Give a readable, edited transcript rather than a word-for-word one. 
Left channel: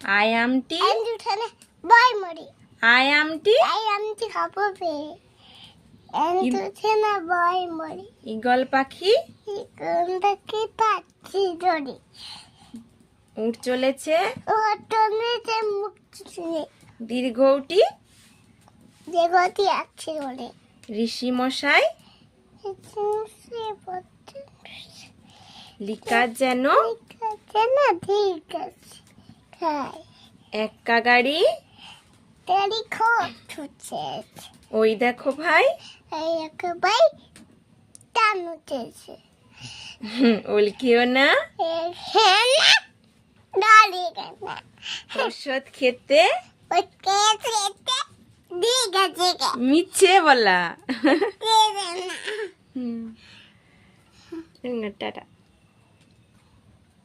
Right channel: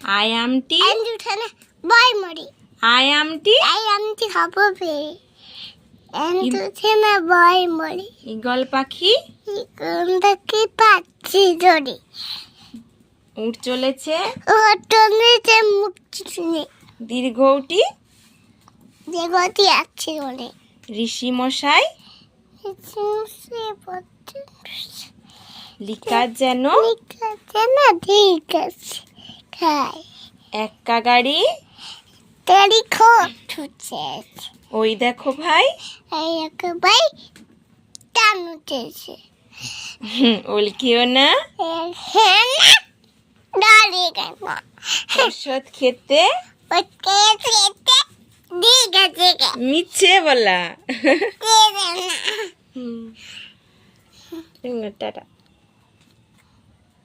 I আমটি I আমটি eagle পাখি উঠ চলেছে দীর্ঘটি ঋষি মশাই লিকার যেন এক্কা গাড়ি ওই দেখো ভাই উল্কিও না ওষুধ খেতে মিছে বলা টাটা।